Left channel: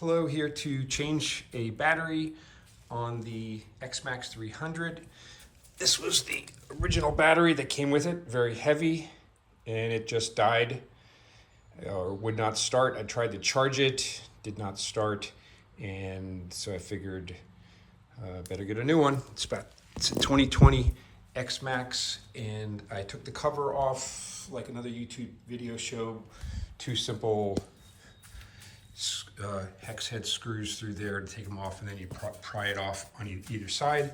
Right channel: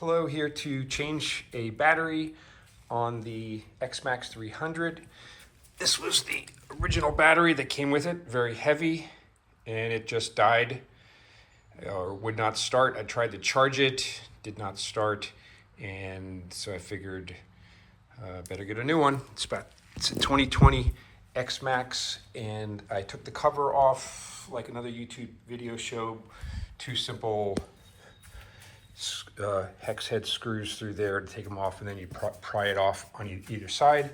Hello, here to change a battery on the XMAX 300. This was the original battery that came with it, very heavy, and it just died or would not start. I tried to charge it, did not start, and so I figured better get a new one. It's a 2020 XMAX, and I took the cover off like another YouTube video show. Two simple hex head screws through there to take them off, and then you pry it off on either side.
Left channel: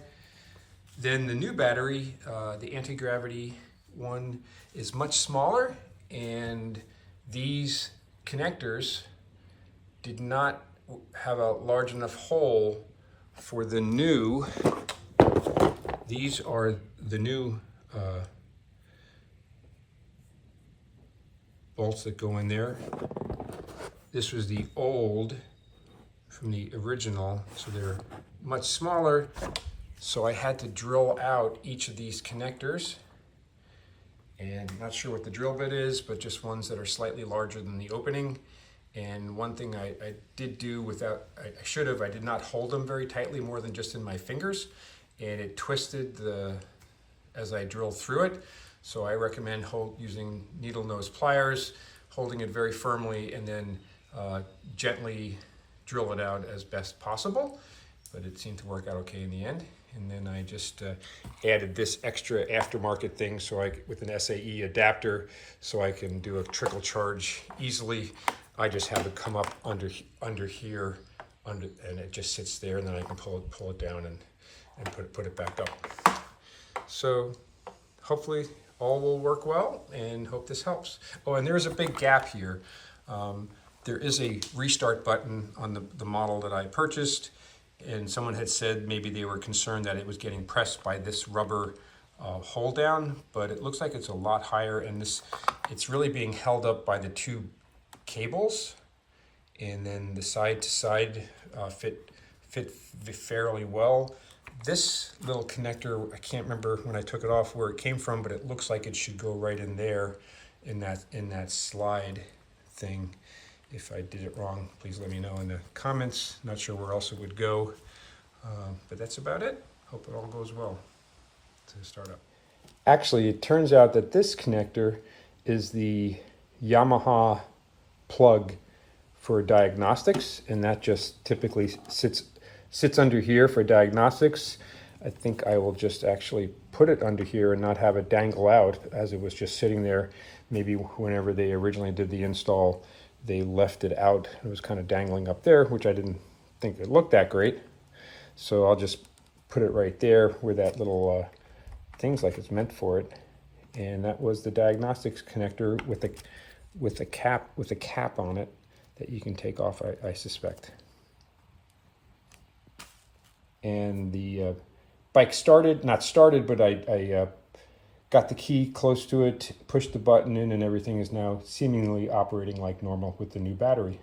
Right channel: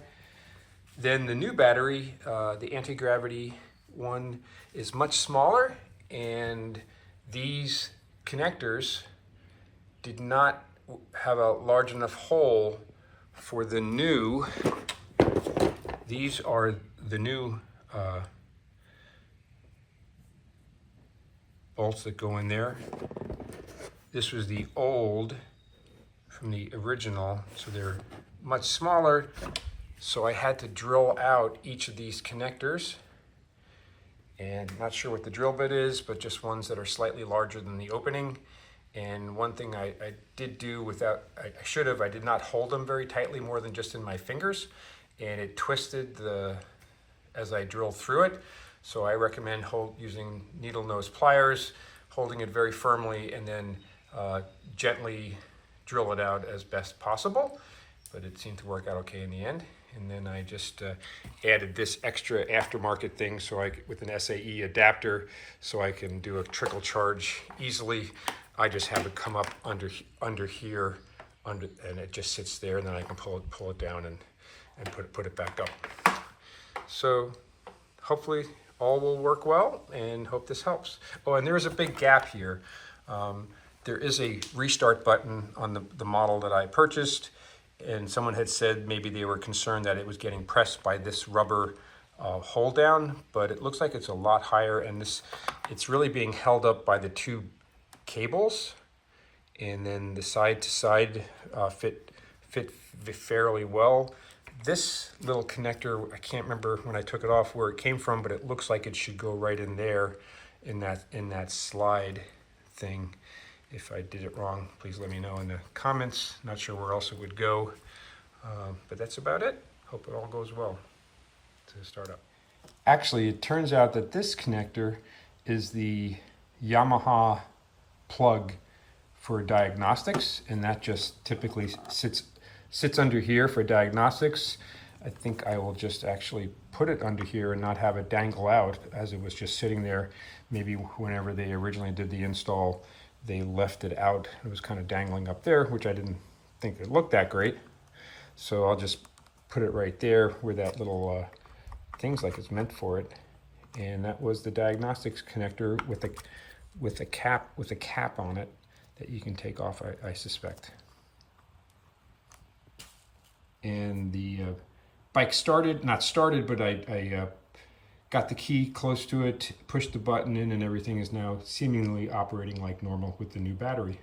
Then the new battery, the Antigravity one, is much smaller, and these connectors did not have a large enough hole for the new. These are the new bolts that go in there. This was the old from the original, so they're much smaller. So I had to drill out each of these connectors, and I'm not sure what the drill bit is, but just ones that are slightly larger than the opening. And one thing I did do without, I should have, I did not hold them very tightly more than just in my fingers, and it twisted as I drilled through it. So I recommend using needle nose pliers, holding it very firmly, and then gently drill it out as best possible. But it seemed to work out okay in the end. And then I just added this extra aftermarket thing with an SAE adapter, so I can do a trickle charge easily. I just have it come up under here, and it just sits there, and then I can pull it down and put it back up. So hopefully all will work well, and hope this helps. Oh, and there's a big gap here. There is a restart button on the model that I purchased, and someone had said maybe they were concerned that it was getting pressed by this rubber hold down, but it looks like it's a lot higher, and it's really being held up by the two cables, and then the side to side fit fairly well. This little connector, I can't remember when I took it off where it came from, but it looks like it should go right in there in that slide thing. If I did it wrong, please let me know in the comments. Not sure where else it would go, but that's about it. Hope it all goes well to start up. Actually, it turns out that this connector is the Yamaha plug for diagnostics, and that just typically sits under here for diagnostics. I think I will just actually put it under here and not have it dangle out, as it was just sitting there. Maybe whenever they originally did the install, they left it out. It was kind of dangling up there, which I didn't think it looked that great. So I'll just put it right there where that little thing's like it's meant for it. And that was the diagnostics connector with a cap on it that you can take off, I suspect. And the bike not started, but I got the key close to it, pushed the button in, and everything is now seemingly operating like normal with the new battery.